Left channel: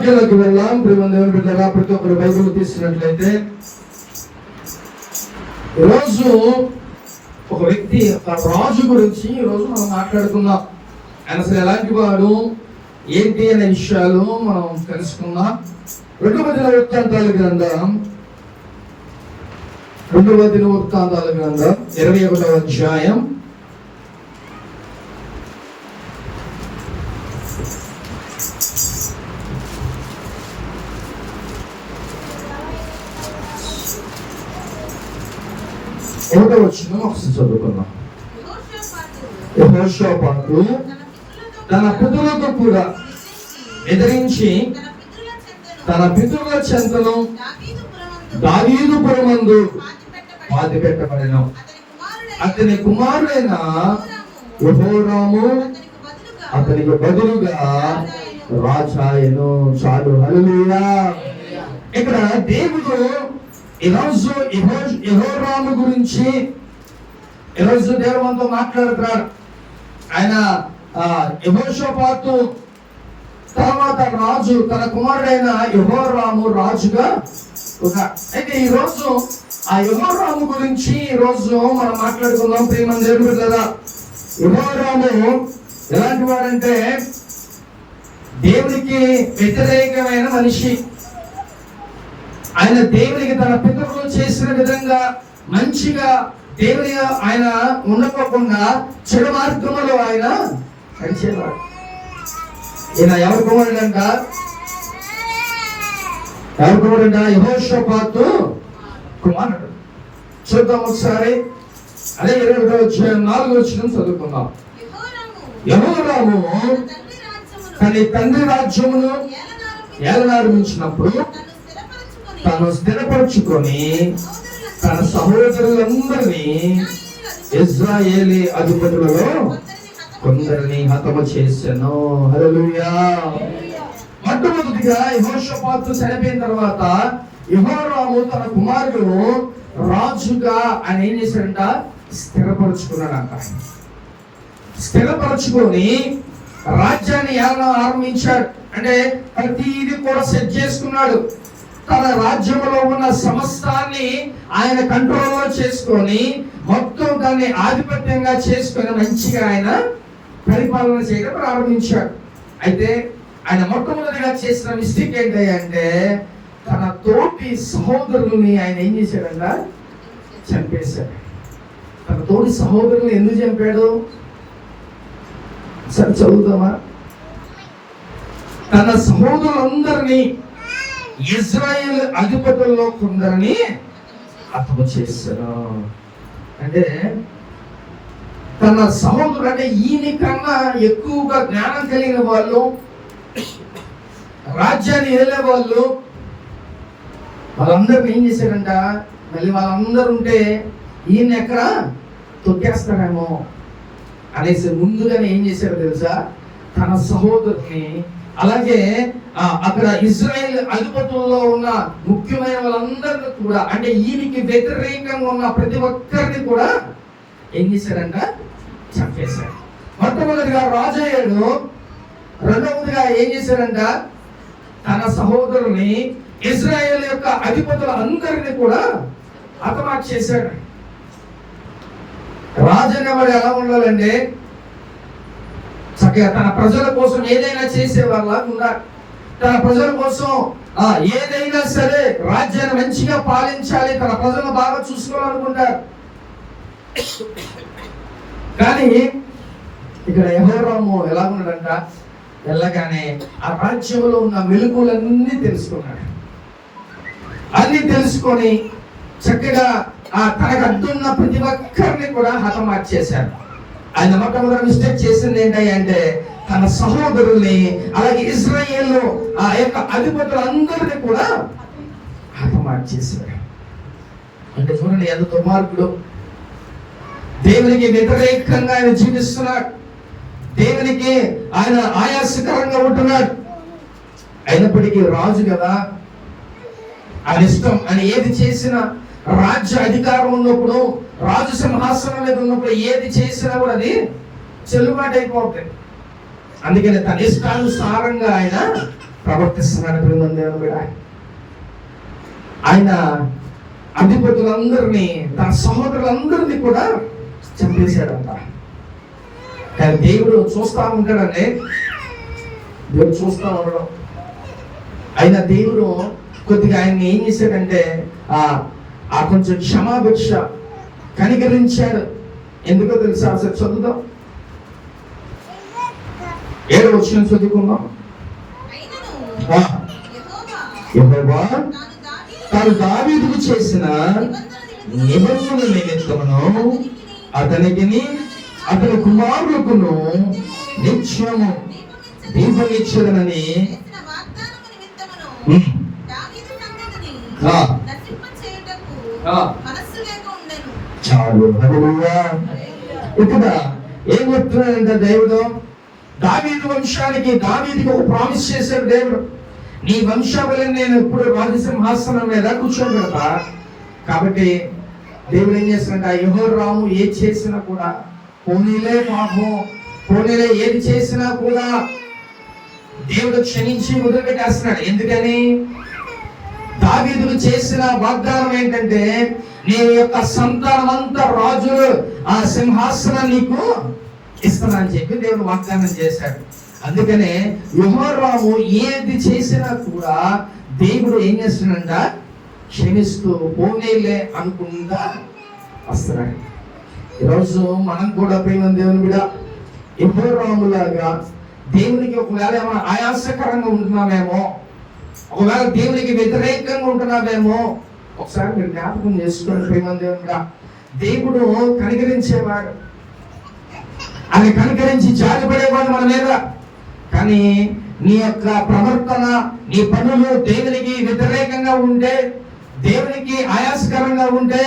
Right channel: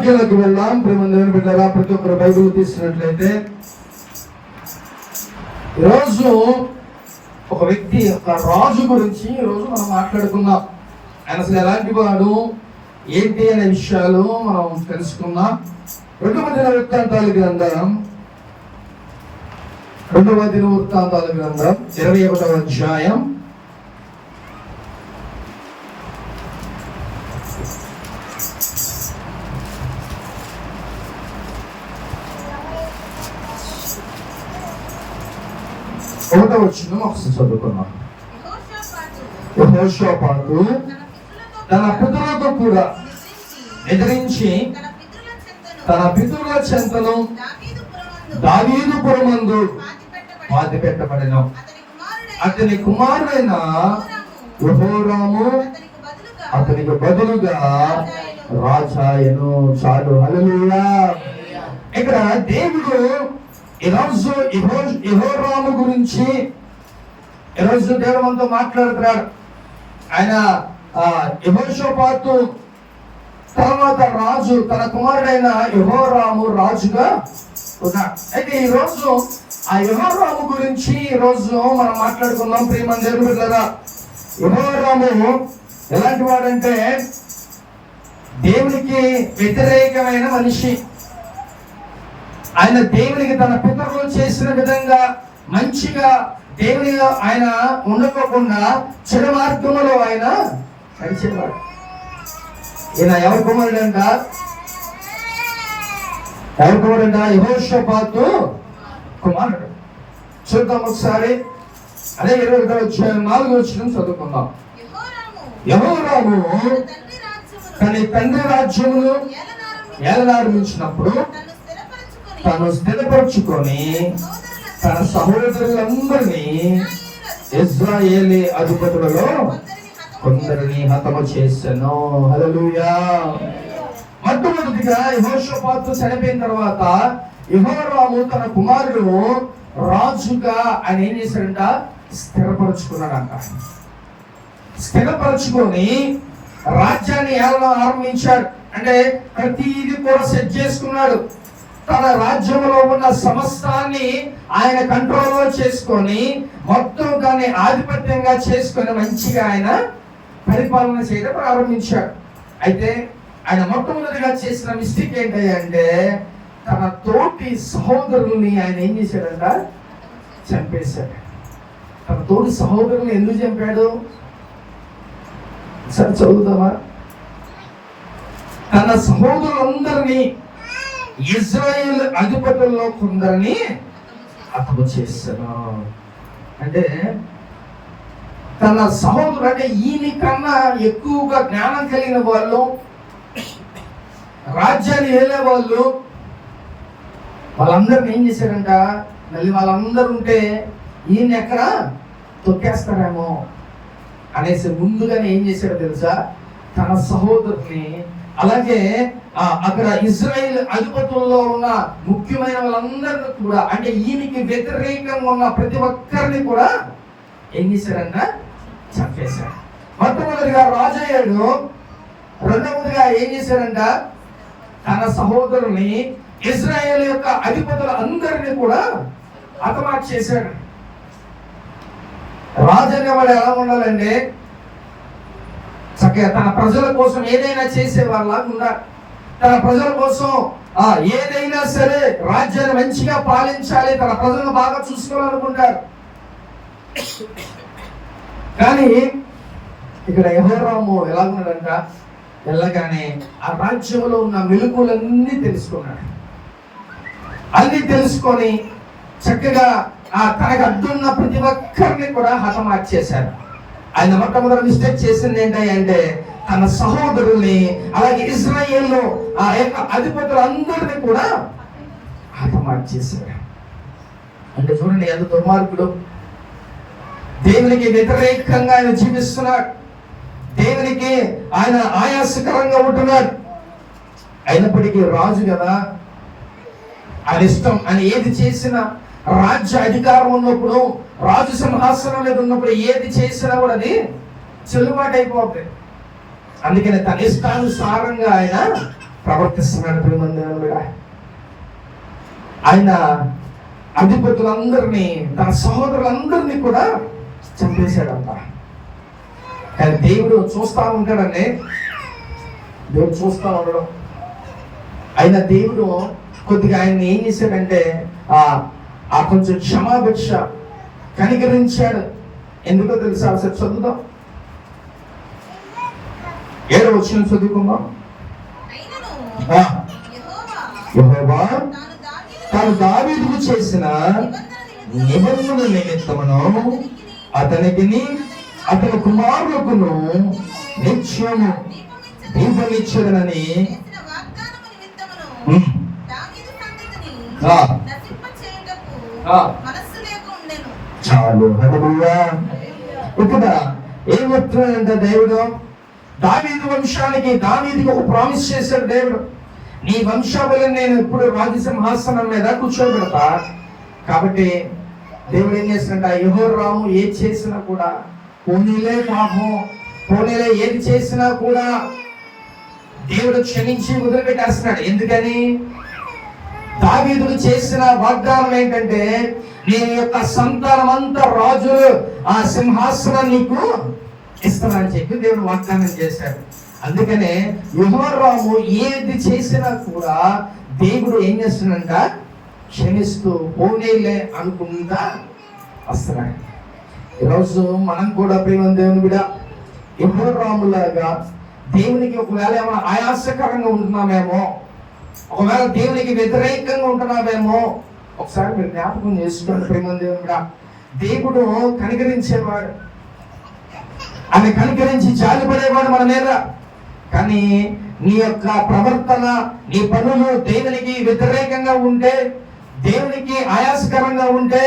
వాక్యంలోకి వెళ్దాం. దేవుని బిడ్డలారా, ప్రతి ఒక్కరు బైబిల్ తీసుకున్నట్లయితే ఈరోజు ఒక వ్యక్తి, ఒక రాజు గురించి ఈరోజు మనం మాట్లాడుకుందాం. ఆయన అసలు ఎలాంటి వాడు, ఏంటి అనే విషయాలు మనం తెలుసుకుందాం. 2వ దినవృత్తాంతాల గ్రంథం 21వ అధ్యాయం 1వ వచనం ఒకసారి చదువుకుందాం. యెహోషాపాతు తన పితరులతో కూడా ఎదిరించి తన పితరుల చెంతను దావీదు పురమందు పాతి పెట్టబడెను. అతని కుమారుడైన యెహోరాము అతనికి బదులుగా రాజాయను. చాలు, హల్లెలూయా. ఇక్కడ దేవుడు ఈరోజు యెహోరాము గురించి ఈరోజు దేవుడు మనతో మాట్లాడుతున్నాడు. ఆయన యెహోషాపాతు తర్వాత రాజు, తన కుమారుడైన యెహోరాము రాజుగా ఉన్నాడు. అయితే ఈరోజు ఆ యెహోరాము గురించి ఈరోజు మనం మాట్లాడుకుందాం. ప్రియమైన దేవుని బిడ్డలారా, యెహోరాము ఎలాంటి వాడంటే దేవునికి వ్యతిరేకమైన మనిషి. ఆయన దేవునికి తన పితరులు చేసిన విధంగా మంచిగా దేవుని ఆయన ఉండకోకుండా చెడు మార్గంలో ఆయన నడిచేవాడు. ఈయన ఎవరి కుమారుడంట? యెహోషాపాతు కుమారుడు. చూద్దాం ఒకసారి. అదే 4వ వచనం చదువుకుందాం. యెహోరాము తన తండ్రి రాజ్యమును ఏలనారంభించినప్పుడు తను స్థిరపరచుకొని తన సహోదరులందరినీ ఇశ్రాయేలీ అధిపతులలో కొందరిని హతము చేసెను. హల్లెలూయా. మొట్టమొదటిగా యెహోషాపాతు చనిపోయిన తర్వాత యెహోరాము తన కుమారుడు రాజుగా ఆయన ఏం చేశాడంట? స్థిరపరచుకున్నాడంట. స్థిరపరచుకొని రాజ్యాన్ని ఏలన ఆరంభించాడు. అంటే ప్రతిదీ కూడా సెట్ చేసుకున్నాడు. తన రాజ్యంలో ఉన్న సమస్తాన్ని ఆయన కంట్రోల్లో చేసుకొని మొత్తం దాన్ని ఆధిపత్యంగా చేసుకొని మంచిగా ఆయన పరిపాలన చేయడం ప్రారంభించాడు. అయితే ఆయన మొట్టమొదటిగా చేసిన మిస్టేక్ ఏంటంటే తన తోటి సహోదరుల్ని ఆయన ఏం చేశాడంట? చంపేశాడు. తన తోటి సహోదరుల్ని ఎందుకు చంపాడు? సరే చదువుతామా. తన సహోదరులందరినీ ఇశ్రాయేలు అధిపతుల్లో కొందరిని హతము చేశారు. అంటే తన సహోదరుడు, అంటే ఈయన కన్నా ఎక్కువగా జ్ఞానం కలిగిన వాళ్ళు, రాజ్యాన్ని ఏలే వాళ్ళు, వాళ్ళందరిని ఏం చేశారంట? మళ్ళీ వాళ్ళందరూ ఉంటే ఈయన ఎక్కడ తొక్కేస్తారేమో అనేసి ముందుగానే ఏం చేశారో తెలుసా? తన సహోదరుని, అలాగే అక్కడ ఇశ్రాయేల్ అధిపతుల్లో ఉన్న ముఖ్యమైన వాళ్ళందరినీ కూడా, అంటే ఈయనకి వ్యతిరేకంగా ఉన్న ప్రతి ఒక్కరిని కూడా ఏం చేశారంట? చంపేశారు. మొట్టమొదటిగా రాజు అయ్యాడు. రెండవదిగా ఏం చేశారంట? తన సహోదరుని, ఇశ్రాయేల్ యొక్క అధిపతులు అందరినీ కూడా హతమార్చి చేశాడు. రాజు అనేవాడు ఎలా ఉండాలంటే చక్కగా తన ప్రజల కోసం ఏదైనా చేసేవాళ్ళ ఉండాలి. తన ప్రజల కోసం ఏదైనా సరే రాజ్యాన్ని మంచిగా పాలించాలి, తన ప్రజలను బాగా చూసుకోవాలనుకుంటారు. కానీ ఇక్కడ యెహోరాము ఎలా ఉన్నాడంట? వెళ్ళగానే ఆ రాజ్యంలో ఉన్న మెలుకులన్నీ తెలుసుకున్నాడు. అన్ని తెలుసుకొని చక్కగా తనకు అడ్డున్న ప్రతి ఒక్కరిని కూడా హతమార్చేశారు. ఆయన మొట్టమొదటి మిస్టేక్ చేసింది ఏంటంటే తన సహోదరుల్ని, అలాగే ఇశ్రాయేలు ఆ యొక్క అధిపతులందరినీ కూడా హతమార్చేశాడు. అంటే చూడండి ఎంత దుర్మార్గుడు. దేవునికి వ్యతిరేకంగా ఆయన జీవిస్తున్నాడు. దేవునికి ఆయన ఆయాసకరంగా ఉంటున్నాడు. అయినప్పటికీ రాజు కదా, ఆయన ఇష్టం. ఆయన ఏది చేసినా, రాజ్య అధికారం ఉన్నప్పుడు, రాజు సింహాసనం మీద ఉన్నప్పుడు ఏది చేసినా కూడా అది చెల్లుబాటు అయిపోతుంది. అందుకని తన ఇష్టానుసారంగా ఆయన ప్రవర్తిస్తున్నాడు ప్రియమైన. ఆయన అధిపతులందరినీ, తన సహోదరులందరినీ కూడా చంపేశాడంట. కానీ దేవుడు చూస్తా ఉంటాడండి, దేవుడు చూస్తా ఉండడం. అయినా దేవుడు కొద్దిగా ఆయన్ని ఏం చేశాడంటే ఆ కొంచెం క్షమాభిక్ష కనికరించాడు. ఎందుకో తెలుసా? అసలు చదువుదాం, 7వ వచనం చదువుకుందాం. యెహోవా తాను దావీదుకు చేసిన నిబంధన నిమిత్తమును అతనికి అతని కుమారులకును నిత్యము దీపమిచ్చదనని చాలు. ఇక్కడ ఏం చెప్తున్నాడంటే దేవుడు దావీదు వంశానికి, దావీదుకి ఒక ప్రామిస్ చేశాడు దేవుడు. నీ వంశావళిని నేను ఎప్పుడు రాజసింహాసనం మీద కూర్చోబెడతా. కాబట్టి దేవుడు ఏం చేస్తాడంట, యెహోరాము ఏది చేసినా కూడా, పోనీలే పాపం, పోనీలే ఏది చేసినా కూడా దేవుడు క్షమించి వదిలిపెట్టేస్తున్నాడు. ఎందుకని? దావీదుకు చేసిన వాగ్దానం ఏంటంటే, నీ యొక్క సంతానం అంతా రాజులు ఆ సింహాసనం నీకు ఇస్తానని చెప్పి దేవుడు వాగ్దానం చేశాడు. అందుకనే యెహోరాము ఏది చేసినా కూడా దేవుడు ఏం చేస్తున్నాడంట, క్షమిస్తూ పోనీలే అనుకుంటా వస్తున్నాడు. ఈరోజు మనం కూడా ప్రేమ దేవుని బిడ్డ యెహోరాములాగా దేవునికి ఒకవేళ ఏమైనా ఆయాసకరంగా ఉంటున్నామేమో, ఒకవేళ దేవునికి వ్యతిరేకంగా ఉంటున్నామేమో, ఒకసారి మీరు జ్ఞాపకం చేసుకోండి ప్రేమ దేవునిగా. దేవుడు కనికరించేవాడు, ఆయన కనికరించి జాలిపడేవాడు మన మీద. కానీ నీ యొక్క ప్రవర్తన, నీ పనులు దేవునికి వ్యతిరేకంగా ఉంటే, దేవునికి ఆయాసకరంగా ఉంటే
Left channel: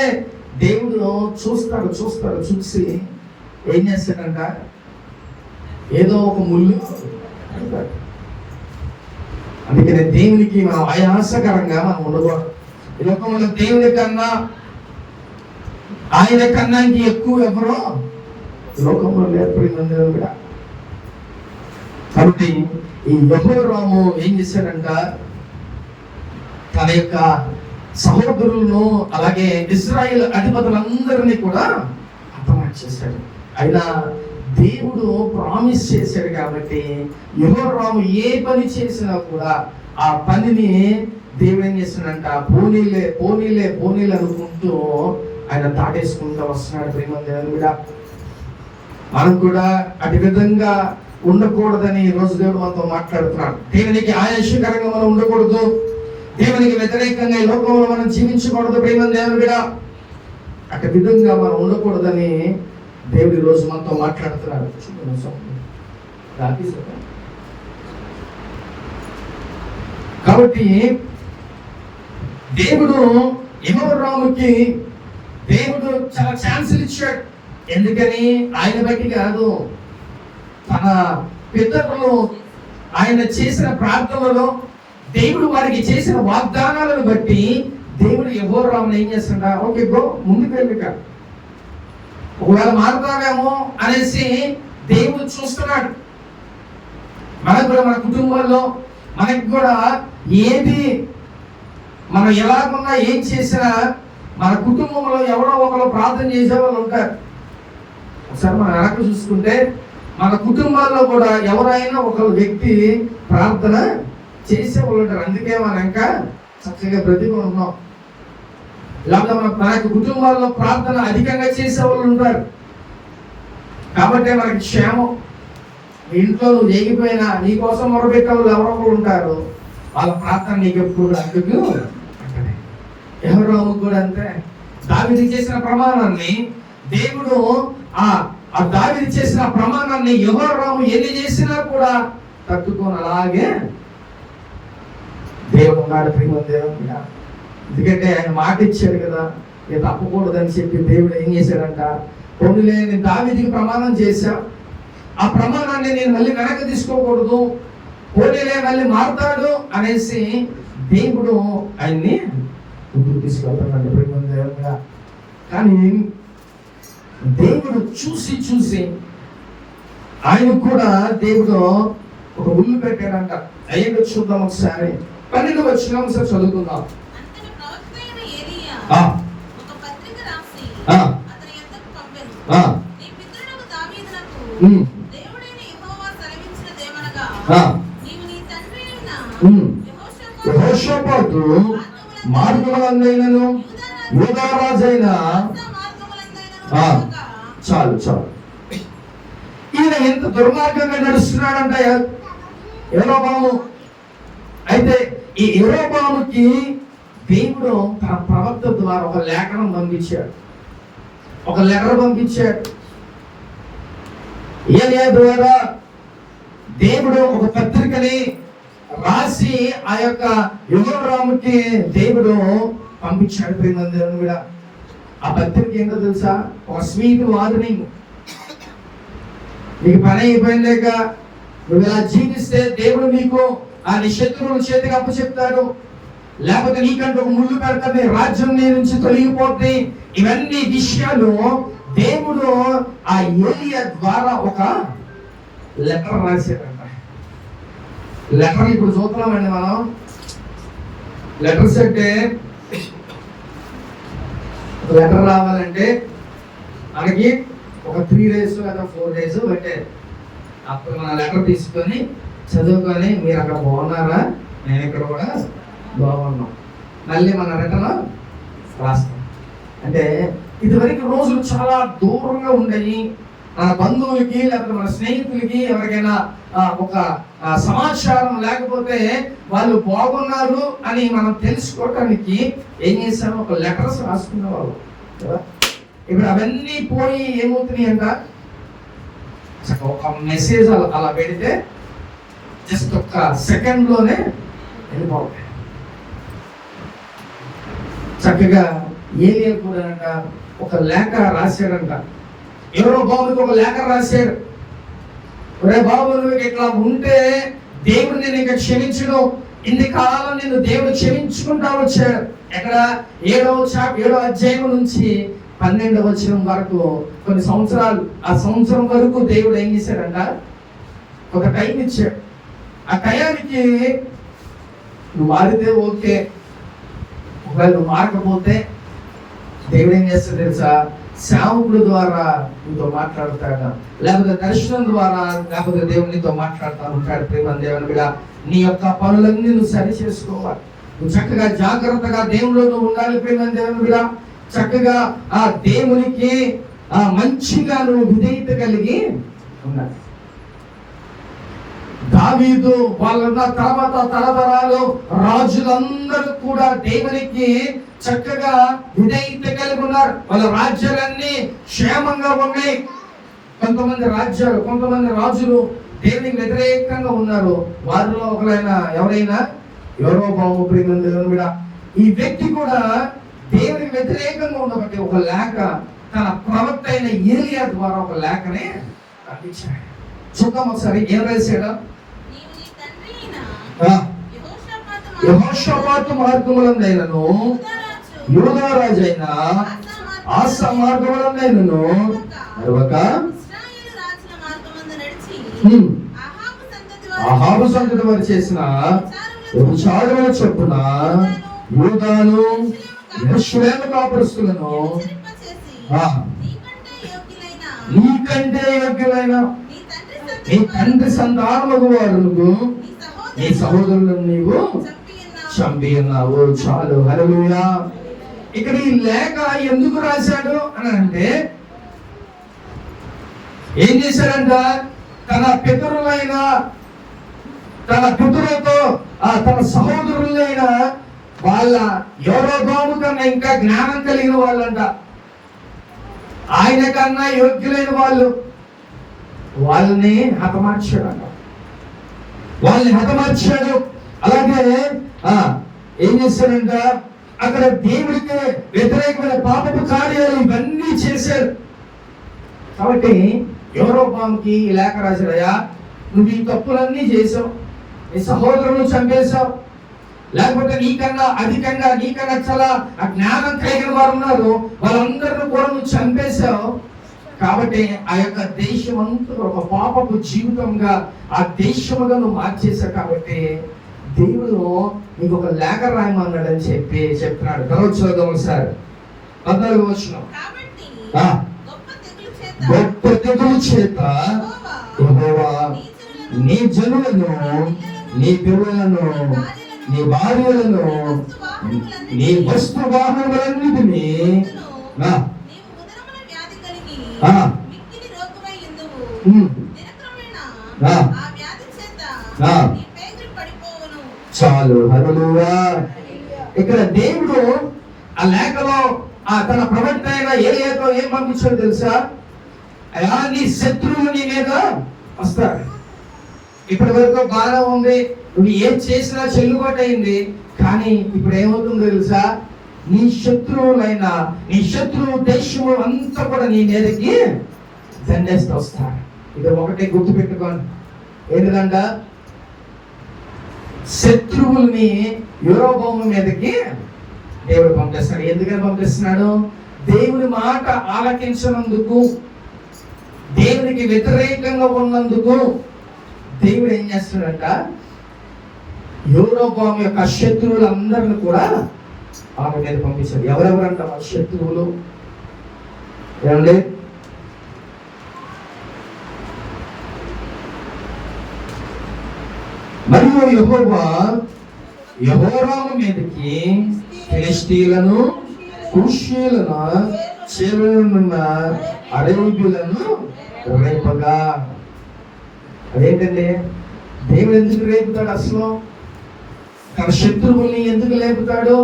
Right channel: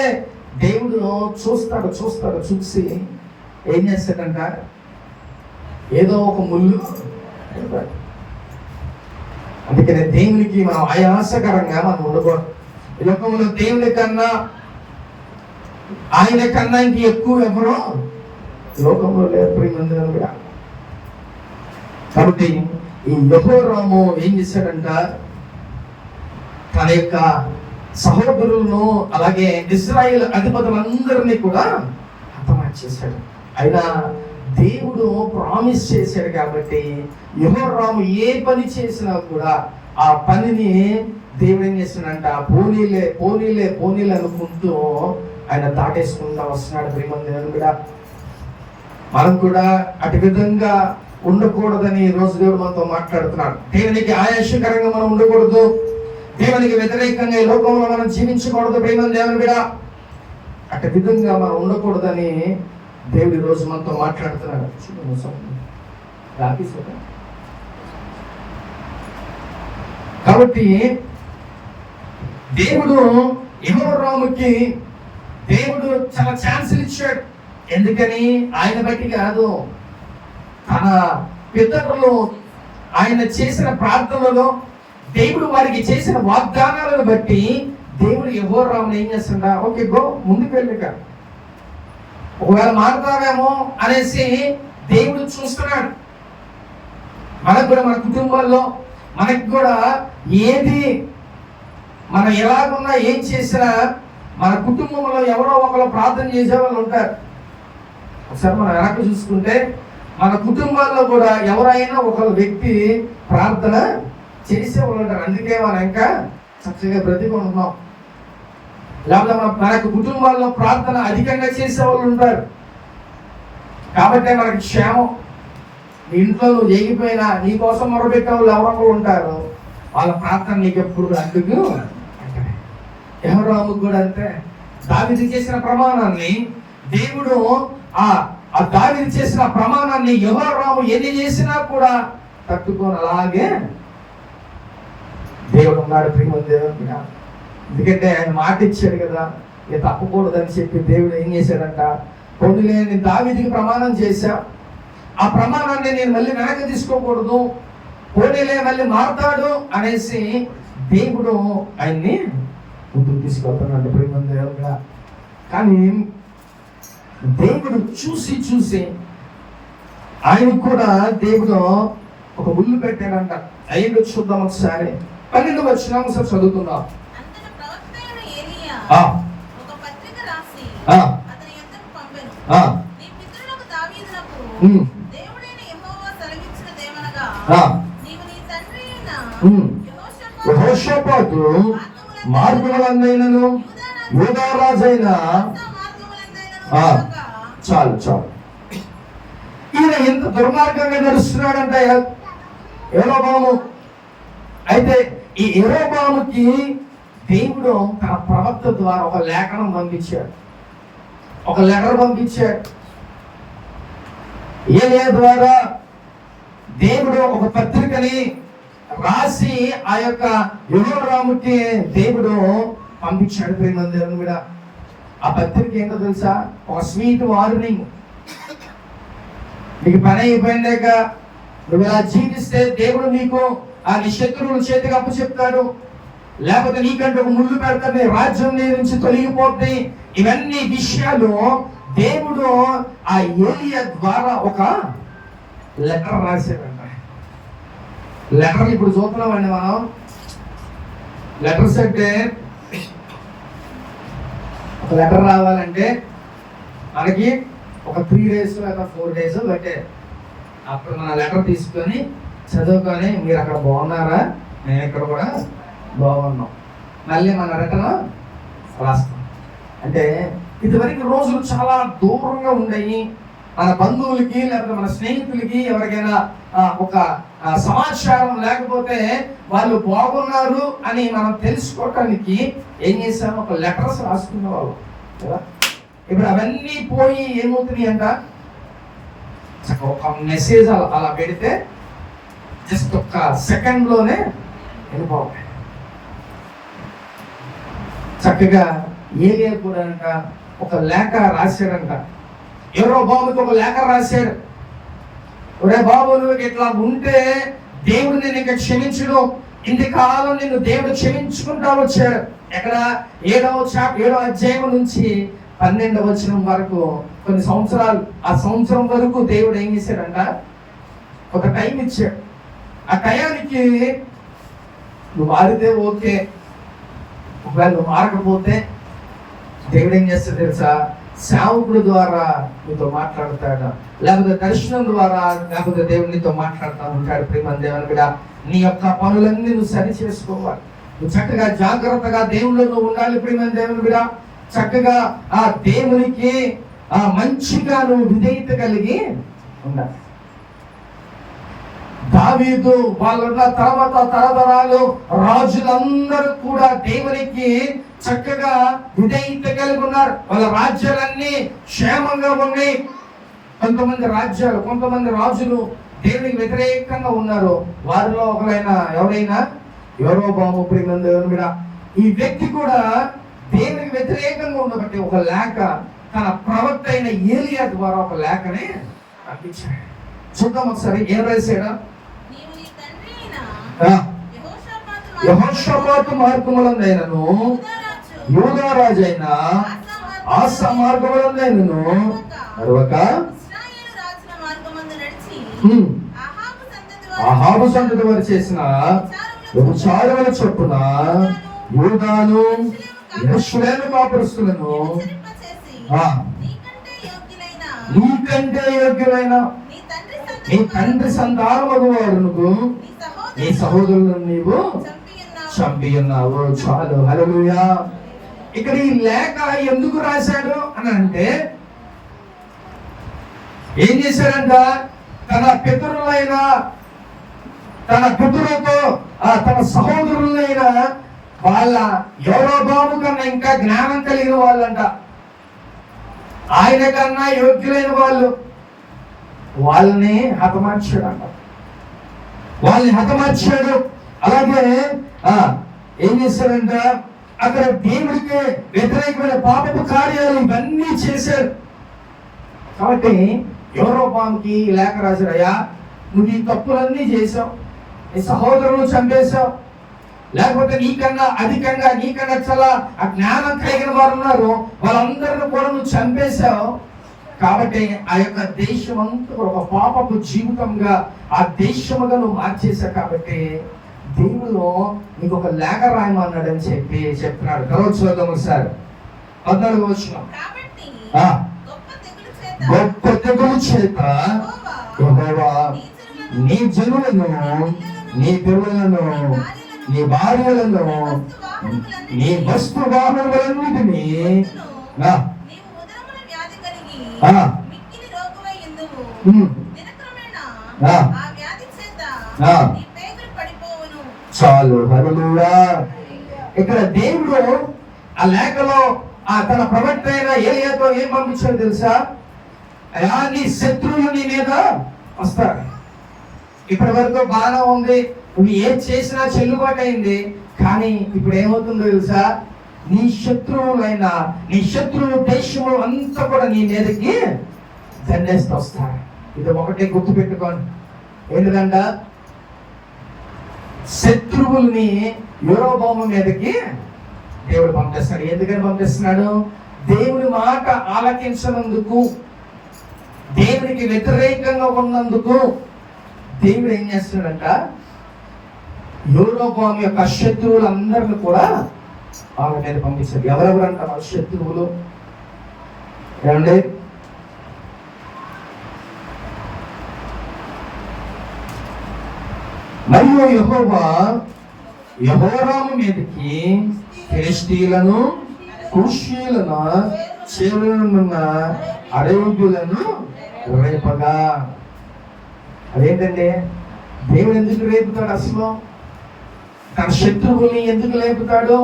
దేవుడు చూస్తాడు. చూసి ఏం చేస్తాడంట, ఏదో ఒక ముళ్ళు. అందుకని దేవునికి మనం ఆయాసకరంగా మనం ఉండకూడదు. ఈ లోకంలో దేవుని కన్నా, ఆయన కన్నా ఇంక ఎక్కువ ఎవరో లోకంలో లేరు. కాబట్టి ఈ యెహోరాము ఏం చేశాడంట, తన యొక్క సహోదరులను అలాగే ఇశ్రాయేలు అధిపతులందరినీ కూడా హతమార్చి చేశాడు. అయినా దేవుడు ప్రామిస్ చేశాడు కాబట్టి యెహోరాము ఏ పని చేసినా కూడా ఆ పనిని దేవుడు ఏం చేస్తున్నాడంట, పోనీలే అనుకుంటూ ఆయన దాటేసుకుంటూ వస్తున్నాడు. ప్రియమైన కూడా మనం కూడా అటు విధంగా ఉండకూడదని ఈ రోజు దేవుడు మనతో మాట్లాడుతున్నాడు. దేవునికి ఆయాసకరంగా మనం ఉండకూడదు, దేవునికి వ్యతిరేకంగా ఈ లోకంలో మనం జీవించకూడదు. ప్రియమైన దేవుని కూడా అటు విధంగా మనం ఉండకూడదని దేవుడు ఈ రోజు మనతో మాట్లాడుతున్నాడు. కాబట్టి దేవుడు యెహోరాముకి దేవుడు చాలా ఛాన్సులు ఇచ్చాడు. ఎందుకని? ఆయన బట్టి కాదు, తన పితరులు ఆయన చేసిన ప్రార్థనలో, దేవుడు వారికి చేసిన వాగ్దానాలను బట్టి దేవుడు యెహోరాముని ఏం చేస్తుంటా, ఓకే గో ముందుకు వెళ్ళిక, ఒకవేళ మారుతావేమో అనేసి దేవుడు చూస్తున్నాడు. మనకు కూడా మన కుటుంబాల్లో మనకి కూడా ఏది మనం ఎలాగున్నా ఏం చేసినా మన కుటుంబంలో ఎవరో ఒకరు ప్రార్థన చేసే వాళ్ళు ఉంటారు. ఒకసారి మనం వెనక్కి చూసుకుంటే మన కుటుంబాల్లో కూడా ఎవరైనా ఒక వ్యక్తి ప్రార్థన చేసేవాళ్ళు ఉంటారు. అందుకే మనం ఇంకా చక్కగా బ్రతికుంటున్నాం. లేకపోతే మనకు కుటుంబాల్లో ప్రార్థన అధికంగా చేసేవాళ్ళు ఉంటారు కాబట్టి మనకి క్షేమం. ఇంట్లో నువ్వు చేయకపోయినా నీ కోసం మొరబెట్టే వాళ్ళు ఎవరో ఉంటారు, వాళ్ళ ప్రార్థన నీకు ఎప్పుడు అడ్డుకు. యెహోరాముకు కూడా అంతే. దావీదు చేసిన ప్రమాణాన్ని దేవుడు ఆ దావీదు చేసిన ప్రమాణాన్ని యెహోరాము ఎన్ని చేసినా కూడా తట్టుకొని అలాగే దేవుడు ఉన్నాడు. ప్రియమైన ఎందుకంటే ఆయన మాట ఇచ్చాడు కదా, నేను తప్పకూడదని చెప్పి దేవుడు ఏం చేశాడంట, పొందులే నేను దావీదుకి ప్రమాణం చేశా, ఆ ప్రమాణాన్ని నేను మళ్ళీ వెనక్కి తీసుకోకూడదు, పోనీలే మళ్ళీ మారుతాడు అనేసి దేవుడు ఆయన్ని ముందుకు తీసుకెళ్తున్నాడు. ప్రియమైన కానీ దేవుడు చూసి ఆయన కూడా దేవుడు ఒక ముళ్ళు పెట్టాడంట. అయ్యిందో చూద్దాం ఒకసారి. 12వ వచనం ఒకసారి చదువుకుందాం. అంతట ప్రవక్త అయిన ఏలీయా ఆ ఒక పత్రిక రాసి ఆ అతని యొద్దకు పంపెను. ఆ నీ పితరులకు దావీదునకు ఉమ్ దేవుడైన యెహోవా సెలవిచ్చినదేమనగా, ఆ నీవు నీ తండ్రి అయిన ఉమ్ యెహోషాపాతు యెహోషాపాతు మార్గములందైనను యూదా రాజైన మార్గములందైనను ఆ నడవక చాలు చాలు. ఈయన ఎంత దుర్మార్గంగా నడుస్తున్నాడంటే యెరొబాము. అయితే ఈ యెరొబాముకి దేవుడు తన ప్రవక్త ద్వారా ఒక లేఖనం పంపించాడు, ఒక లెటర్ పంపించాడు. ఏలియా ద్వారా దేవుడు ఒక పత్రికని రాసి ఆ యొక్క యెహోరాముకి దేవుడు పంపించాడు. ప్రేమందరూ కూడా ఆ పత్రిక ఏంటో తెలుసా? ఒక స్వీట్ వార్నింగ్. నీకు పని అయిపోయిందాక నువ్వు ఇలా జీవిస్తే దేవుడు నీకు ఆ నీ శత్రువుల చేతికి అప్పు చెప్తాడు, లేకపోతే నీకంటే ఒక ముళ్ళు పెడతాడు, నీ రాజ్యం నీ నుంచి తొలగిపోతాయి. ఇవన్నీ విషయాలు దేవుడు ఆ ఏలియా ద్వారా ఒక లెటర్ రాశాడంట. లెటర్ ఇప్పుడు చూస్తున్నామండి మనం. లెటర్స్ అంటే ఒక లెటర్ రావాలంటే మనకి ఒక 3 days లేదా 4 days బట్టే. అప్పుడు మన లెటర్ తీసుకొని చదువుకొని మీరు అక్కడ బాగున్నారా, నేను ఇక్కడ కూడా బాగున్నాం, మళ్ళీ మన రిటర్న్ రాస్తాం. అంటే ఇదివరకు రోజులు చాలా దూరంగా ఉండయి. మన బంధువులకి లేకపోతే మన స్నేహితులకి ఎవరికైనా ఒక సమాచారం లేకపోతే వాళ్ళు బాగున్నారు అని మనం తెలుసుకోవటానికి ఏం చేశాము? ఒక లెటర్స్ రాసుకునే వాళ్ళు కదా. ఇప్పుడు అవన్నీ పోయి ఏమవుతున్నాయి అంట, ఒక మెసేజ్ అలా పెడితే జస్ట్ ఒక సెకండ్లోనే వెళ్ళిపోతాయి. చక్కగా ఏలియా కూడా అంట ఒక లేఖ రాశాడంట. యెరొబాముకి ఒక లేఖ రాశాడు. ఒరే బాబు, నువ్వు ఇట్లా ఉంటే దేవుడు నేను ఇంకా క్షమించును, ఇంతకాలం నేను దేవుడు క్షమించుకుంటా వచ్చాడు. ఎక్కడ 7వ అధ్యాయం నుంచి 12వ వచనం వరకు కొన్ని సంవత్సరాలు, ఆ సంవత్సరం వరకు దేవుడు ఏం చేశాడంట? ఒక టైం ఇచ్చాడు. ఆ టయానికి నువ్వు మారితే ఓకే, ఒకవేళ నువ్వు మారకపోతే దేవుడు ఏం చేస్తాడు తెలుసా? సేవకుడు ద్వారా నీతో మాట్లాడతాడు, లేకపోతే దర్శనం ద్వారా, లేకపోతే దేవుడు నీతో మాట్లాడుతూ ఉంటాడు. ప్రేమ దేవుని కూడా నీ యొక్క పనులన్నీ నువ్వు సరి చేసుకోవాలి. నువ్వు చక్కగా జాగ్రత్తగా దేవునిలో నువ్వు ఉండాలి. ప్రేమ దేవుని కూడా చక్కగా ఆ దేవునికి మంచిగా నువ్వు విధేయత కలిగి ఉండాలి. దావీదు వాళ్ళ తర్వాత తరతరాలు రాజులందరూ కూడా దేవునికి చక్కగా విధేయత కలిగి ఉన్నారు. వాళ్ళ రాజ్యాలన్నీ క్షేమంగా ఉన్నాయి. కొంతమంది రాజులు దేవునికి వ్యతిరేకంగా ఉన్నారు. వారిలో ఒకరైనా ఎవరైనా యెరొబాము. ప్రియమైన దేవుని మీద ఈ వ్యక్తి కూడా దేవునికి వ్యతిరేకంగా ఉండబట్టి ఒక లేఖ తన ప్రవక్త అయిన ఏలియా ద్వారా ఒక లేఖనే పంపించాడు. చూద్దాం ఒకసారి ఏం రాశాడు? యెహోషాపాతు మార్గములందైనను యూదా రాజైన ఆసా మార్గములందైనను నడవక అహాబు సంతతి వారు చేసిన వ్యభిచారముల చొప్పున యూదాను యెరూషలేము కాపురస్తులను నీకంటే యోగ్యులైన నీ తండ్రి సంతానమగు వాడును నీ సహోదరులను నీవు చంపి ఉన్నావు. చాలు, హల్లెలూయా. ఇక్కడ ఈ లేఖ ఎందుకు రాశాడు అని అంటే, ఏం చేశాడంట? తన పితరులతో తన సహోదరులైన వాళ్ళ యెరొబాము కన్నా ఇంకా జ్ఞానం కలిగిన వాళ్ళంట, ఆయన కన్నా యోగ్యులైన వాళ్ళని హతమార్చాడు. అలాగే ఏం చేశాడంట? అక్కడ దేవుడికి వ్యతిరేకమైన పాపపు కార్యాలు ఇవన్నీ చేశారు. కాబట్టి యెరొబాముకి లేఖ రాశాడయ్యా, నువ్వు ఈ తప్పులన్నీ చేసావు, నీ సహోదరులను చంపేశావు, లేకపోతే నీకన్నా అధికంగా నీకన్నా చాలా ఆ జ్ఞానం కలిగిన వారు ఉన్నారు, వాళ్ళందరిని కూడా నువ్వు చంపేశావు. కాబట్టి ఆ యొక్క దేశం అంతా ఒక పాపపు జీవితంగా ఆ దేశముగా నువ్వు మార్చేశావు. కాబట్టి దేవుడు నీకు ఒక లేఖ రాయమన్నాడని చెప్తున్నాడు. చదువుదాం సార్ 14వ వచనం. కాబట్టి ఆ, గొప్ప తెగులు చేత యెహోవా నీ జనులను, నీ పిల్లలను, నీ భార్యలను, నీ వస్తు వాహనములన్నిటినీ ఆ, నీవు ఉదరమున వ్యాధి కలిగి ఆ, మిక్కిలి రోగమై ఉందువు. ఉమ్, దినక్రమేణా ఆ, ఆ వ్యాధి చేత ఆ. నీ పేగులు పడిపోవును. చాలు. హల్లెలూయా. ఇక్కడ దేవుడు ఆ లేఖలో తన ప్రవక్త అయిన ఏలియాతో ఏం పంపించాడు తెలుసా? అయ్యా, నీ శత్రువులు నీ మీద వస్తారు. ఇప్పటి వరకు బాగా ఉంది, నువ్వు ఏం చేసినా చెల్లుబాటు అయింది. కానీ ఇప్పుడు ఏమవుతుందో తెలుసా? నీ శత్రువులైన నీ శత్రువు దేశము అంతా కూడా నీ మీదకి దండేస్తూ వస్తారు. ఇది ఒకటే గుర్తుపెట్టుకోండి. ఏంటంట? శత్రువుల్ని యూరోభూమి మీదకి దేవుడు పంపిస్తున్నాడు. ఎందుకని పంపిస్తున్నాడు? దేవుని మాట ఆలకించినందుకు, దేవునికి వ్యతిరేకంగా ఉన్నందుకు దేవుడు ఏం చేస్తున్నాడంట? యూరోభూమి యొక్క శత్రువులందరిని కూడా ఆమె మీద పంపించాడు. ఎవరెవరంట మన శత్రువులు? ఏమండి? మరియు యెహోవా యెహోరాము మీదకి ఫిలిష్తీయులను, కూషీయులను, చెరువునున్న అరేబీయులను రేపగా. అదేంటండి? దేవుడు ఎందుకు రేపుతాడు? అసలు తన శత్రువుల్ని ఎందుకు లేపుతాడు?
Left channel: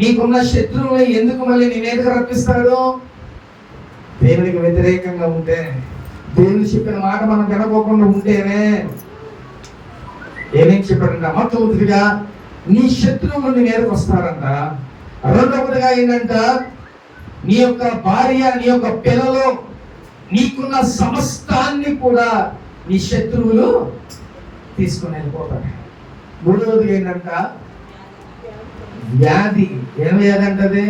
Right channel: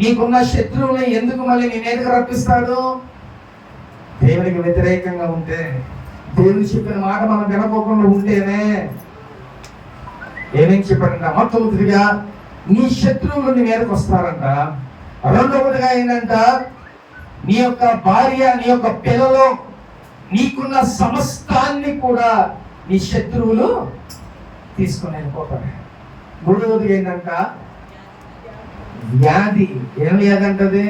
నీకున్న శత్రువుల్ని ఎందుకు మళ్ళీ నీ మీదకి రప్పిస్తాడు? దేవునికి వ్యతిరేకంగా ఉంటే, దేవుని చెప్పిన మాట మనం వినకోకుండా ఉంటేనే. ఏమేం చెప్పాడంట? మొట్టమొదటిగా నీ శత్రువులు నీ మీదకి వస్తారంట. రెండవదిగా ఏంటంట? నీ యొక్క భార్య, నీ యొక్క పిల్లలు, నీకున్న సమస్తాన్ని కూడా నీ శత్రువులు తీసుకుని వెళ్ళిపోతారు. మూడవది ఏంటంట? వ్యాధి. ఏం వ్యాధి అంటది?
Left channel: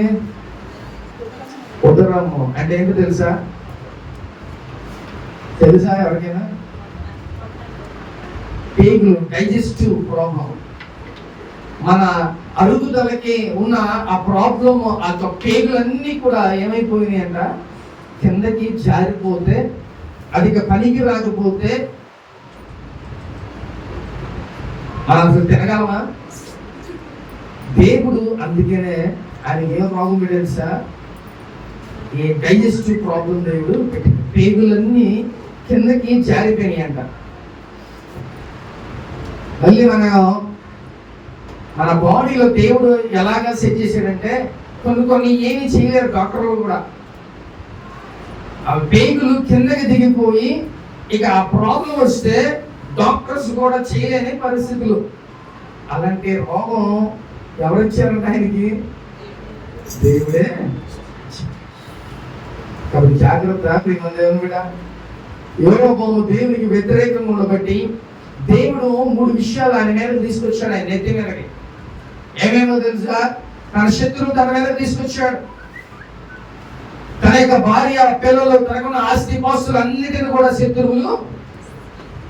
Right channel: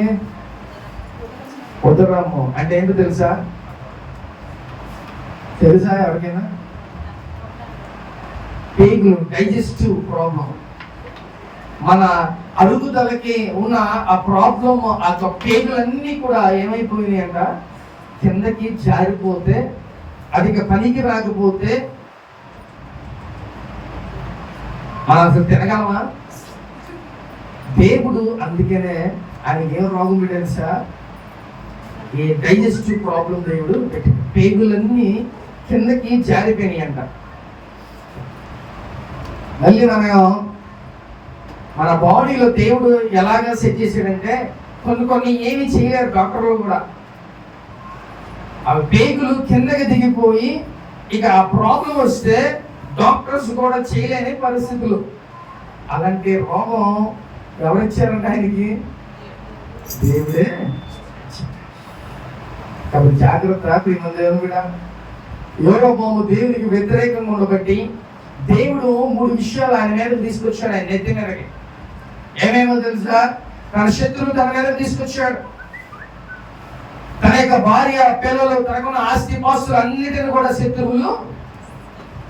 ఉదరము. అంటే ఏంటో తెలుసా? ఎవరికైనా? పేగులు, డైజెస్టివ్ ప్రాబ్లం. మన అరుగుదలకి ఉన్న ఆ ప్రాబ్లం, ఆ పేగులన్నీ కూడా ఏమైపోయినాయి అంట? కిందకి జారిపోతే, అది పనికి రాకపోతే అసలు తినగలమా? దేవుడు అందుకనే ఆయనకి ఏం రోగం తెలుసా? ఈ డైజెస్టివ్ ప్రాబ్లం దేవుడు పెట్టి పేగులన్నీ కిందకి జారిపోయినాయి అంట. మళ్ళీ మన బాడీలో దేవుడు ఎలాగ సెట్ చేశాడంటే, కొన్ని ఏమి చేయలేరు డాక్టర్లు కూడా. ఆ పేగులు కిందకి దిగిపోయి ఇక ఆ ప్రాబ్లం వస్తే డాక్టర్స్ కూడా చేయలేని పరిస్థితులు. అలాంటి రోగం ఎవరిచ్చారంటే ఆయనకి? దేవుడే. కాబట్టి జాగ్రత్త ప్రియమైన కూడా. యూరోభూము దేవునికి వ్యతిరేకంగా ఉండబట్టి దేవుడు 3 విషయాలు ఆయన మీద తీసుకొచ్చాడు. ఆయన నెత్తి మీదకి ఏమేమో తెలుసా? తన శత్రువు తన మీద తీసుకొచ్చాడు. తన యొక్క భార్య, పిల్లలు, తనకున్న ఆస్తి పాస్తులు అన్నిటిని కూడా శత్రువులు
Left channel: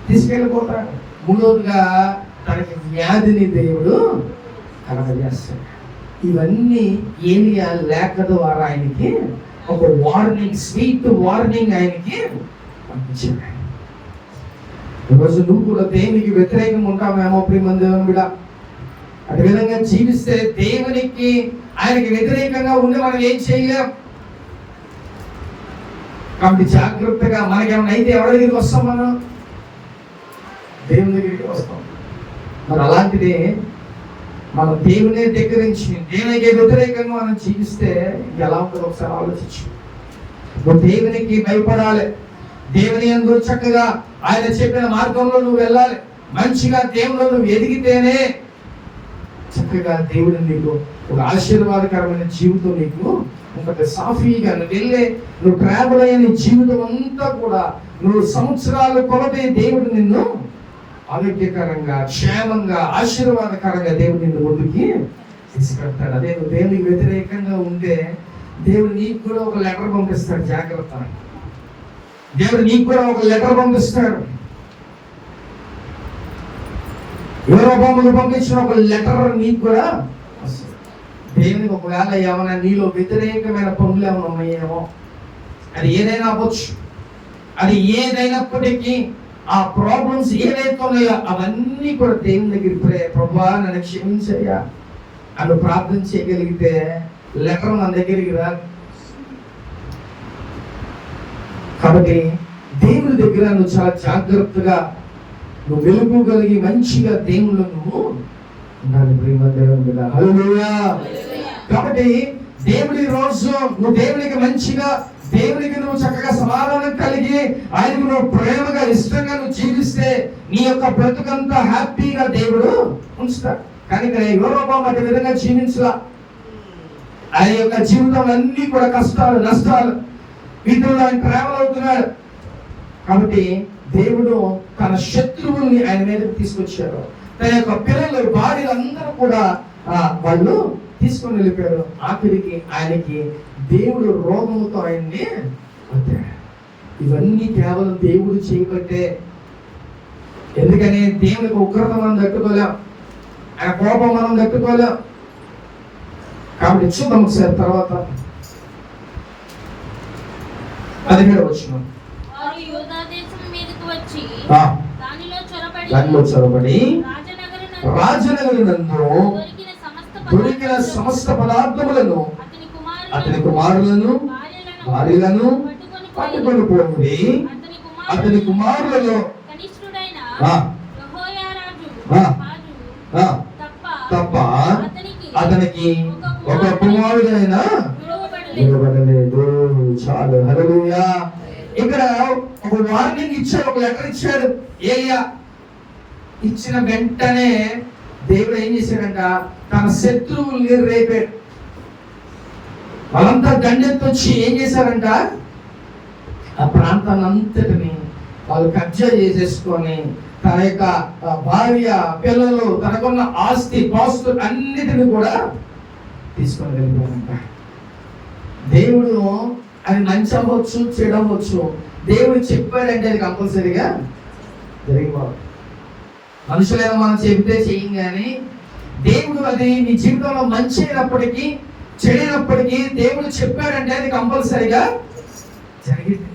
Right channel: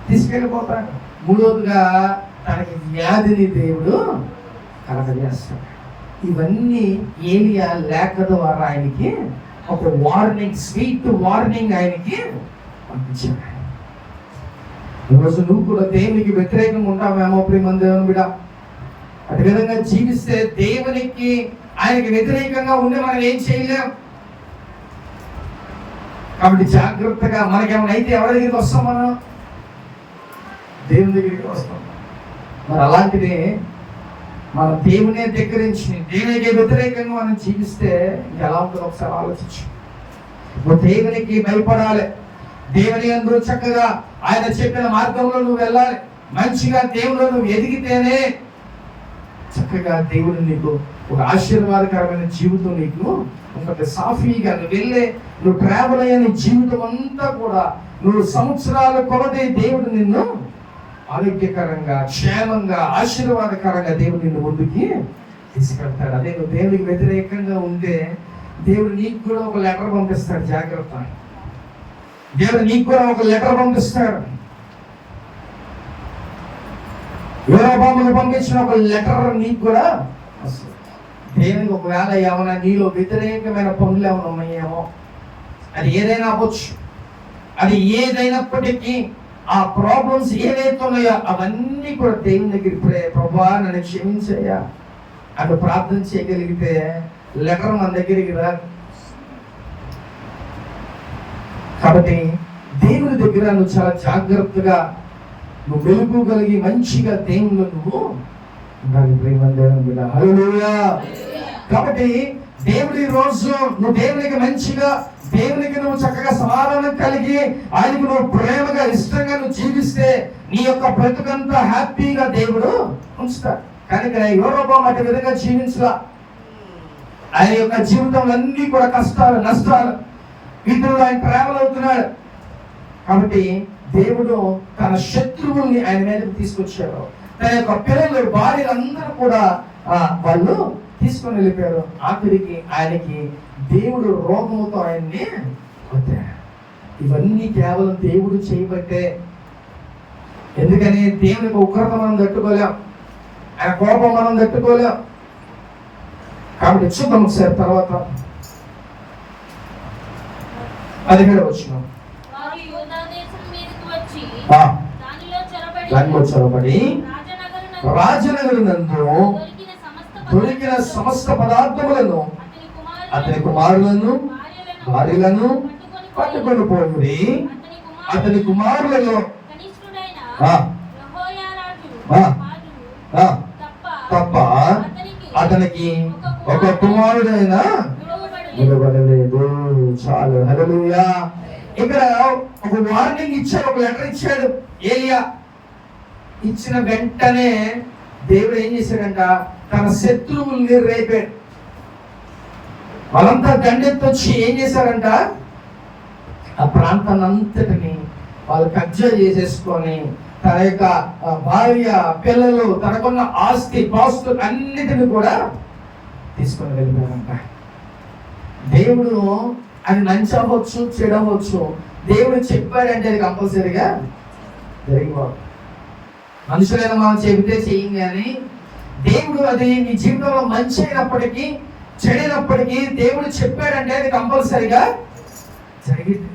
తీసుకెళ్ళిపోతాడు. మూడవదిగా తనకి వ్యాధిని దేవుడు కలగజేస్తాడు. ఇవన్నీ ఏలియా లేఖ ద్వారా ఆయనకి ఒక వార్నింగ్, స్వీట్ వార్నింగ్ ఆయనకి పంపించాడు. ఈరోజు నువ్వు కూడా దేవునికి వ్యతిరేకంగా ఉంటావేమో ప్రియమైన దేవుని బిడ్డ. అటు విధంగా జీవిస్తే దేవునికి, ఆయనకి వ్యతిరేకంగా ఉండి మనం ఏం చేయలేం. కాబట్టి జాగ్రత్తగా మనకేమైనా అయితే ఎవరి దగ్గరికి వస్తాం? మనం దేవుని దగ్గరికి వస్తాం. మరి అలాంటిది మన దేవునే దగ్గరించి దేవునికి వ్యతిరేకంగా మనం జీవిస్తే ఎలా ఉంటుందో ఒకసారి ఆలోచించు. నువ్వు దేవునికి భయపడాలి. దేవుని యందు చక్కగా ఆయన చెప్పిన మార్గంలో నువ్వు వెళ్ళాలి. మంచిగా దేవుడు నువ్వు ఎదిగితేనే చక్కగా దేవుడు నీకు ఒక ఆశీర్వాదకరమైన జీవితం నీకు ఉంటుంది. సాఫీగా నువ్వు ట్రావెల్ అయిన జీవితం అంతా కూడా నువ్వు సంవత్సరాల కొలది దేవుడు నిన్ను ఆరోగ్యకరంగా, క్షేమంగా, ఆశీర్వాదకరంగా దేవుడు నిన్ను ముందుకి తీసుకెళ్తాడు. అదే నువ్వు దేవునికి వ్యతిరేకంగా ఉంటే దేవుడు నీకు కూడా ఒక లెటర్ పంపిస్తాడు. జాగ్రత్త. దేవుడు నీకు కూడా ఒక లెటర్ పంపిస్తాడు. యూరోబాబుకు పంపించిన ఒక లెటర్ నీకు కూడా వస్తుంది. దేవునికి ఒకవేళ ఏమైనా నీలో వ్యతిరేకమైన పనులు ఏమైనా ఉన్నాయేమో, అది ఏదైనా అవ్వచ్చు. అది ఏదైనప్పటికీ ఆ ప్రాబ్లమ్స్ ఏదైతే ఉన్నాయో అవన్నీ కూడా దేవుని దగ్గర ప్రభువా నన్ను క్షమించయ్యా అని ప్రార్థన చేయగలిగితే లెటర్ మన దగ్గరికి రా. కాబట్టి దేవుని దగ్గర నువ్వు చాలా జాగ్రత్తగా నువ్వు వెలుగుగలిగి మంచిగా దేవుళ్ళు నువ్వు ఉండాలి. ప్రేమ దేవుని మీద హల్లెలూయా. కాబట్టి దేవుడి ఈ రోజు నువ్వు దేవునికి మంచిగా, దేవునికి నువ్వు చక్కగా సమాధానం కలిగి, ఆయనకు నువ్వు ప్రేమగా ఇష్టంగా నువ్వు జీవిస్తే నీ యొక్క బ్రతుకంతా హ్యాపీగా దేవుడు ఉంచుతాడు. కానీ యూరోపం అటు విధంగా జీవించలా. ఆయన యొక్క జీవితం అన్ని కూడా కష్టాలు నష్టాలు వీటిల్లో ఆయన ట్రావెల్ అవుతున్నాడు. కాబట్టి దేవుడు తన శత్రువుల్ని ఆయన మీదకి తీసుకొచ్చారు. తన యొక్క పిల్లలు భార్యలందరూ కూడా వాళ్ళు తీసుకొని వెళ్ళిపోయారు. ఆఖరికి ఆయనకి దేవుడు రోగంతో ఆయన్ని వదిలాడు. ఇవన్నీ కేవలం దేవుడు చేయబట్టే. ఎందుకని దేవునికి ఉగ్రత మనం తట్టుకోలేం, ఆయన కోపం మనం తట్టుకోలేం. కాబట్టి చూద్దాం ఒకసారి తర్వాత 17వ వచనం. దానిలో చొరబడి రాజనగరునందు దొరికిన సమస్త పదార్థములను అతని కుమారులను భార్యలను పట్టుకొని పోయింది. అతని కుమారులలో తప్ప అతనికి ఒక కుమారుడైనా వినబడలేదు. చాలు. హల్లెలూయా. ఇక్కడ ఒక వార్నింగ్ ఇచ్చాడు, ఒక లెటర్ ఇచ్చాడు ఏలియా. ఇచ్చిన వెంటనే దేవుడు ఏం చేశాడంట, తన శత్రువుల్ని రేపాడు. వాళ్ళంతా దండెత్తొచ్చి ఏం చేశారంట, ఆ ప్రాంతాన్ని అంతటిని వాళ్ళు కబ్జా చేసేసుకొని తన యొక్క భార్య పిల్లలు తనకున్న ఆస్తి పాస్తులు అన్నిటిని కూడా తీసుకొని వెళ్ళిపోయారంట. దేవుడు అది మంచి అవ్వచ్చు చెడు అవ్వచ్చు, దేవుడు చెప్పాడంటే అది కంపల్సరీగా జరిగిపోదు. మనుషులైన మనం చెబితే చెయ్యం, కానీ దేవుడు అది నీ జీవితంలో మంచి అయినప్పటికీ చెడైనప్పటికీ దేవుడు చెప్పాడంటే అది కంపల్సరీగా జరిగింది.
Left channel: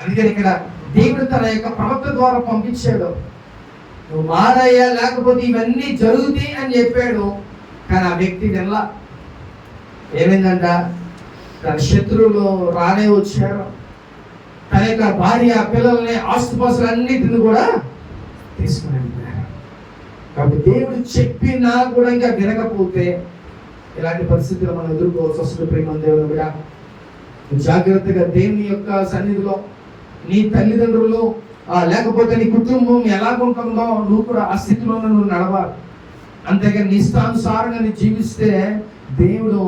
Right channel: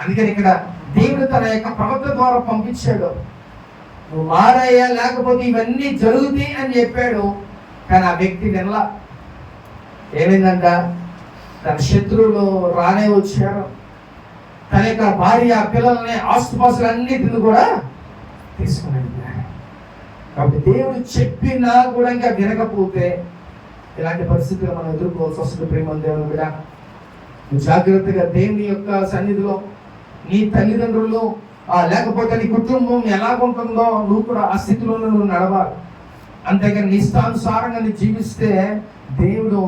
అందుకని ఇక్కడ దేవుడు తన యొక్క ప్రవక్త ద్వారా పంపించాడు. నువ్వు మారయ్యా, లేకపోతే ఇవన్నీ జరుగుతాయి అని చెప్పాడు. కానీ ఆ వ్యక్తి వినలా. ఏమైందంట, తన శత్రువులు రానే వచ్చారు. తన యొక్క భార్య పిల్లలని ఆస్తుపాస్తులు అన్నిటిని కూడా తీసుకుని వెళ్ళారు. కాబట్టి దేవుడు చెప్పినా కూడా ఇంకా వినకపోతే ఇలాంటి పరిస్థితులు మనం ఎదుర్కోవాల్సి వస్తుంది. ప్రేమ దేవుని బిడ్డ, జాగ్రత్తగా దేవుని యొక్క సన్నిధిలో నీ తల్లిదండ్రులు లేకపోతే నీ కుటుంబం ఎలాగుంటుందో నువ్వు కూడా ఆ స్థితిలో నువ్వు నడవాలి. అంతేగాని నీ ఇష్టానుసారంగా నువ్వు జీవిస్తే దేవుడు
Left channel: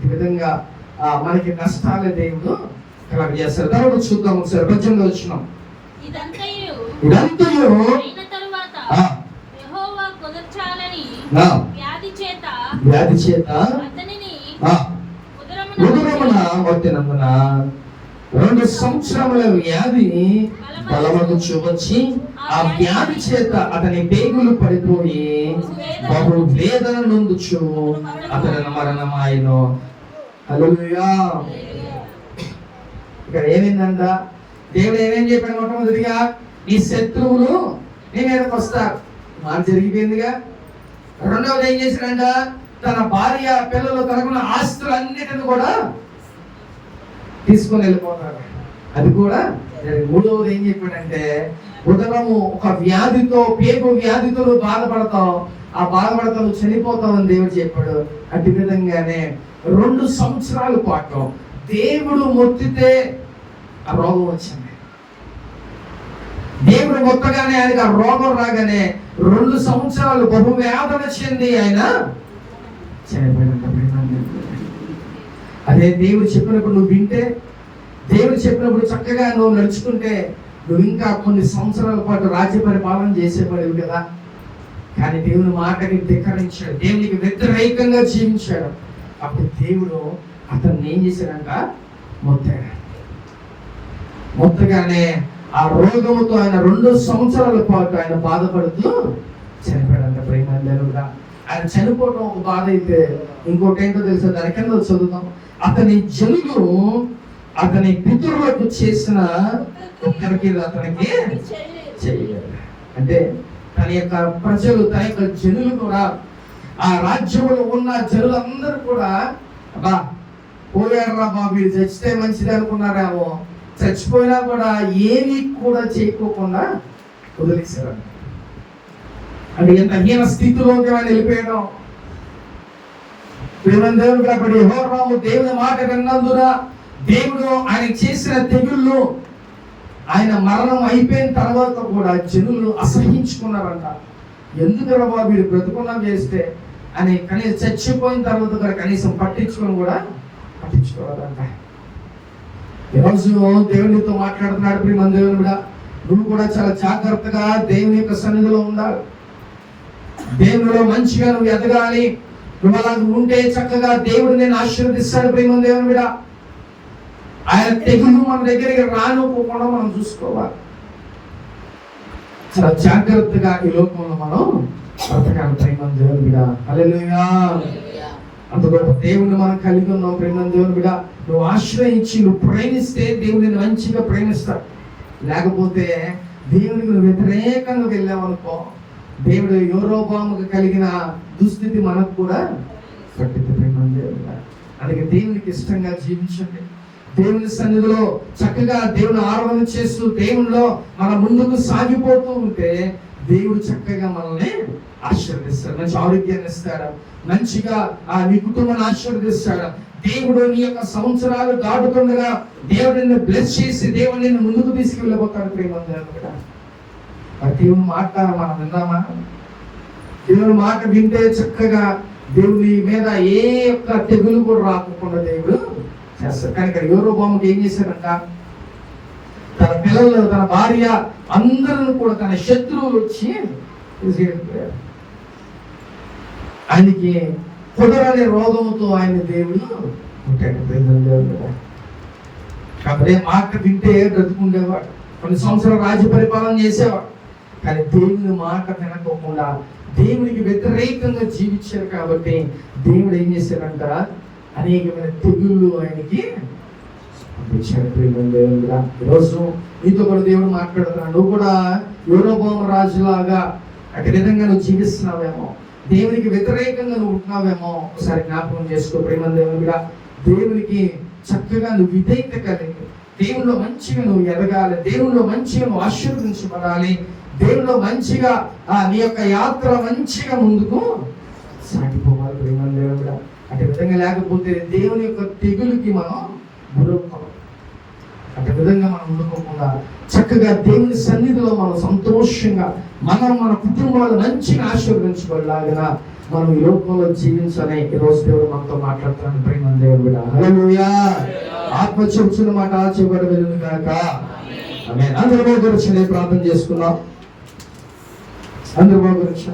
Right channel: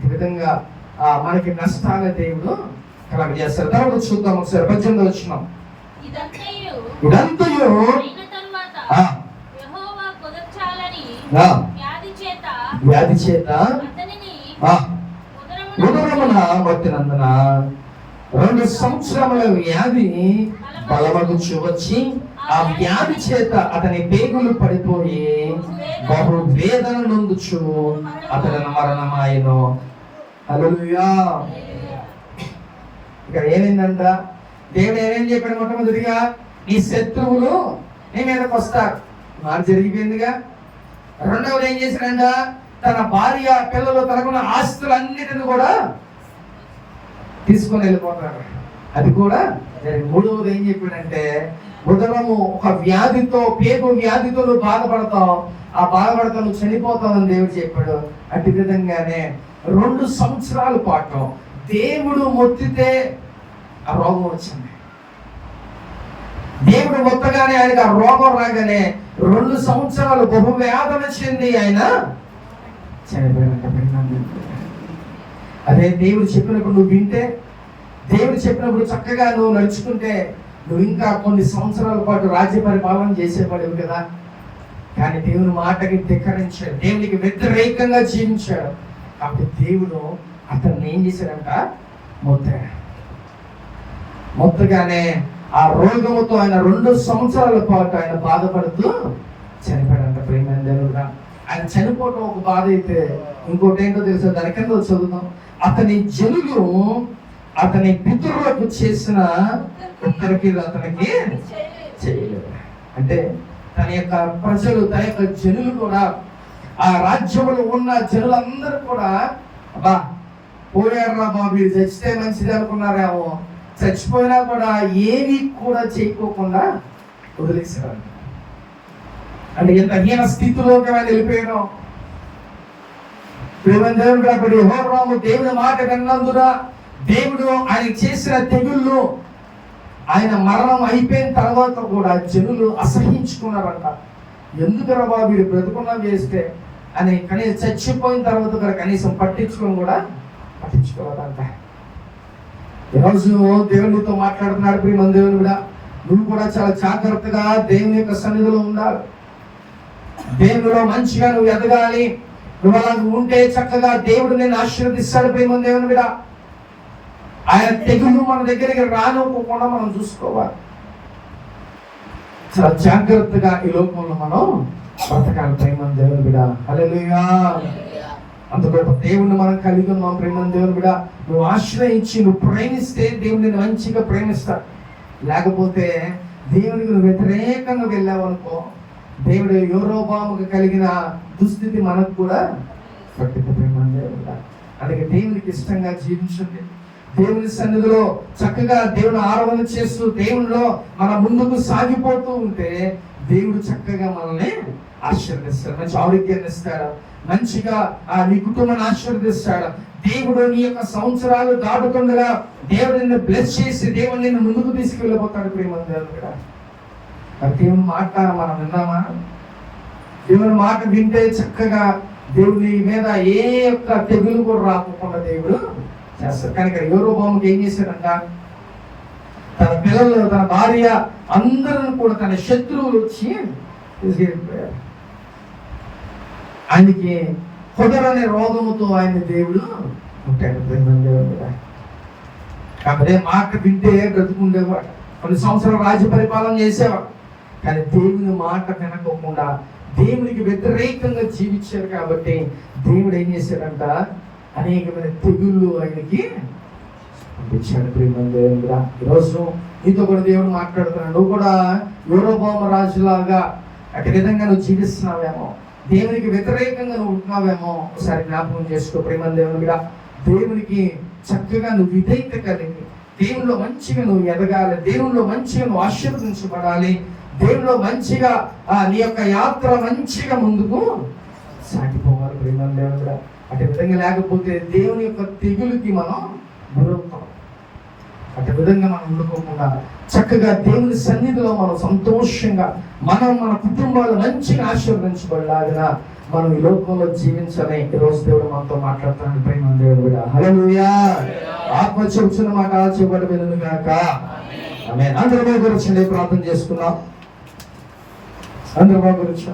ఈ విధంగా మనకి నష్టాలే దేవుడు కలగజేస్తారు. తర్వాత చూద్దాం ఒకసారి 18వ వచనం. ఇదంతయు వ్యాధి చేత ఉదరమున మొత్తినందున 2 సంవత్సరముల వ్యాధి బలమగుచు వచ్చి ఆ వ్యాధి చేత అతని పేగులు పడిపోయి బహు వేదన నొందుచు అతని మరణమాయను. హల్లెలూయా. ఇక్కడ ఏమైందంట, దేవుడు ఏమేం చెప్పాడు, మొట్టమొదటిగా నీ శత్రువులు నీ మీదకి వస్తారు, మాట జరిగిపోయిందిగా. రెండవది ఏం చేశాడంట, తన భార్య పిల్లలు తనకున్న ఆస్తులన్నిటిని కూడా తీసుకొని వెళ్ళిపోతాడు. అది కూడా మూడవది ఏం చెప్పాడంటే, ఉదరము ఒక వ్యాధితో, పేగు వ్యాధితో నువ్వు బాధపడతావు, ఆ బాధపడతా నువ్వు చనిపోతావు అని దేవుడు చెప్పాడు. అటు విధంగానే 2 సంవత్సరాల పాటు దేవుడు మొత్తితే ఆ రోగం వచ్చింది. దేవుడు మొత్తగానే ఆయనకు ఆ రోగం రాగానే 2 సంవత్సరాలు బహువేదన చెంది ఆయన చనిపోయాడు. అదే దేవుడు చెప్పినప్పుడు నువ్వు వింటే, దేవుడు చెప్పినప్పుడు చక్కగా నువ్వు నడుచుకుంటే నువ్వు ఇంకా కొన్ని సంవత్సరాల పాటు రాజ్య పరిపాలన చేసేవాడివి కదా. కానీ దేవుని మాటకి ధిక్కరించాడు, దేవునికి వ్యతిరేకంగా జీవించాడు. కాబట్టి దేవుడు అతన్ని ఏం చేశాడంట, మొత్తాడు. మొత్తగానే ఆ రోగముతో ఆయన 2 సంవత్సరాల పాటు ఆయన బాధపడుతూ చనిపోయాడంట. ప్రేమ దేవుడా, ఆయన చనిపోవడం ఒక బాధ అయితే, ఇంకోటి ఏంటో తెలుసా? దాని కింద చదువుతాం, అతని జనులు అతని పితరులకు చేసిన ఉత్తరకి అతనికి చేయలేదు. అంటే తన యొక్క ప్రజలు, తన యొక్క జనులు కూడా, ఆ రాజ్యంలో ఉన్న జనులందరూ కూడా అబ్బా పోయారా బాబు, ఇది చచ్చితే మంచిది అనుకున్నారేమో, చచ్చిపోయినా కూడా ఏమీ కూడా చేయకోకుండా వదిలేశారు. అంటే ఎంత హీన స్థితిలోకి ఆయన వెళ్ళిపోయాడు. దేవుడు కాబట్టి యెహోవాము దేవుని మాట విన్నందున దేవుడు ఆయన చేసిన తెగుళ్ళు, ఆయన మరణం అయిపోయిన తర్వాత కూడా జనులు అసహించుకున్నారంట. ఎందుకరా బాబు వీడు బ్రతుకున్నా చేస్తే అని, కనీసం చచ్చిపోయిన తర్వాత కూడా కనీసం పట్టించుకోవాలంట. ఈరోజు దేవునితో మాట్లాడుతున్నాడు ప్రియ దేవుడు కూడా, నువ్వు కూడా చాలా జాగ్రత్తగా దేవుని యొక్క సన్నిధిలో ఉండాలి. దేవుడిలో మంచిగా నువ్వు ఎదగాలి. నువ్వు అలా ఉంటే చక్కగా దేవుడు నేను ఆశీర్వదిస్తాడు. ప్రియ దేవుడు కూడా, ఆయన తెగులు మన దగ్గరికి రానుకోకుండా మనం చూసుకోవాలి. చాలా జాగ్రత్తగా ఈ లోకంలో మనం బ్రతకాలి. ప్రేమ దేవుని బిడ్డ, హల్లెలూయా. అంత గొప్ప దేవుని మనం కలిగి ఉన్నాం. ప్రేమ దేవుని బిడ్డ, నువ్వు ఆశ్రయించి నువ్వు ప్రేమిస్తే దేవుడిని మంచిగా ప్రేమిస్తాడు. లేకపోతే దేవుడికి నువ్వు వ్యతిరేకంగా వెళ్ళావనుకో, దేవుడు యెహోవాముకు కలిగిన దుస్థితి మనకు కూడా పట్టింది. ప్రేమ దేవుని బిడ్డ, అందుకే దేవునికి ఇష్టంగా జీవించండి. దేవుని సన్నిధిలో చక్కగా దేవుని ఆరాధన చేస్తూ దేవునిలో మన ముందుకు సాగిపోతూ ఉంటే దేవుడు చక్కగా మనల్ని ఆశీర్వదిస్తాడు. మంచి ఆరోగ్యాన్ని ఇస్తాడు. మంచిగా నీ కుటుంబాన్ని ఆశీర్వదిస్తాడు. దేవుడు నీ యొక్క సంవత్సరాలు దాటుతుండగా దేవుడు నిన్ను బ్లెస్ చేసి దేవుడు నిన్ను ముందుకు తీసుకెళ్ళిపోతాడు. ప్రేమ దేవుని మాట మనం విన్నామా? దేవుని మాట వింటే చక్కగా దేవుని మీద ఏ యొక్క తెగులు కూడా రాకుండా దేవుడు చేస్తారు. కానీ ఇక్కడ యెహోవాముకి ఏం చేశారంట? తన పిల్లలు, తన భార్య అందరూ కూడా తన శత్రువులు వచ్చి తీసుకెళ్ళిపోయారు. ఆయనకి కుదరని రోగముతో ఆయన దేవుడు ఉంటాడు. కాబట్టి మాట వింటే బ్రతుకుండేవాడు. కొన్ని సంవత్సరాలు రాజ్య పరిపాలన చేసేవాడు. కానీ దేవుని మాట వినకుండా దేవునికి వ్యతిరేకంగా జీవించారు. కాబట్టి దేవుడు ఏం చేశాడంట? అనేకమైన తెగుళ్ళు ఆయనకి పంపించాడు. ప్రియమైన ఈరోజు నీతో కూడా దేవుడు మాట్లాడుతున్నాడు. నువ్వు కూడా యెహోవాము రాజులాగా అటు విధంగా నువ్వు జీవిస్తున్నావేమో, దేవునికి వ్యతిరేకంగా నువ్వు ఉంటున్నావేమో ఒకసారి జ్ఞాపకం చేసుకో. ప్రియమైన దేవునికి చక్కగా నువ్వు విధేయత కలిగి దేవుల్లో మంచిగా నువ్వు ఎదగాలి. దేవుల్లో మంచిగా నువ్వు ఆశీర్వదించబడాలి. దేవుల్లో మంచిగా నీ యొక్క యాత్ర మంచిగా ముందుకు సాగిపోవాలి. ప్రియమైన అటు విధంగా లేకపోతే దేవుని యొక్క తెగులుకి మనం గురవుతాం. అటు విధంగా మనం ఉండుకోకుండా చక్కగా దేవుని సన్నిధిలో మనం సంతోషంగా మన కుటుంబాలు మంచిగా ఆశీర్వదించబడలాగా మనం ఈ లోకంలో జీవించాలని ఈరోజు దేవుడు మనతో మాట్లాడుతున్నాను. ప్రేమ దేవుడా, హల్లెలూయా. ఆత్మ చెబుతున్న మాట ఆచూపడి వెళ్ళను కనుక ఆమేన్. అందరూ గురించి ప్రార్థన చేసుకున్నాం. అందరూ గురించి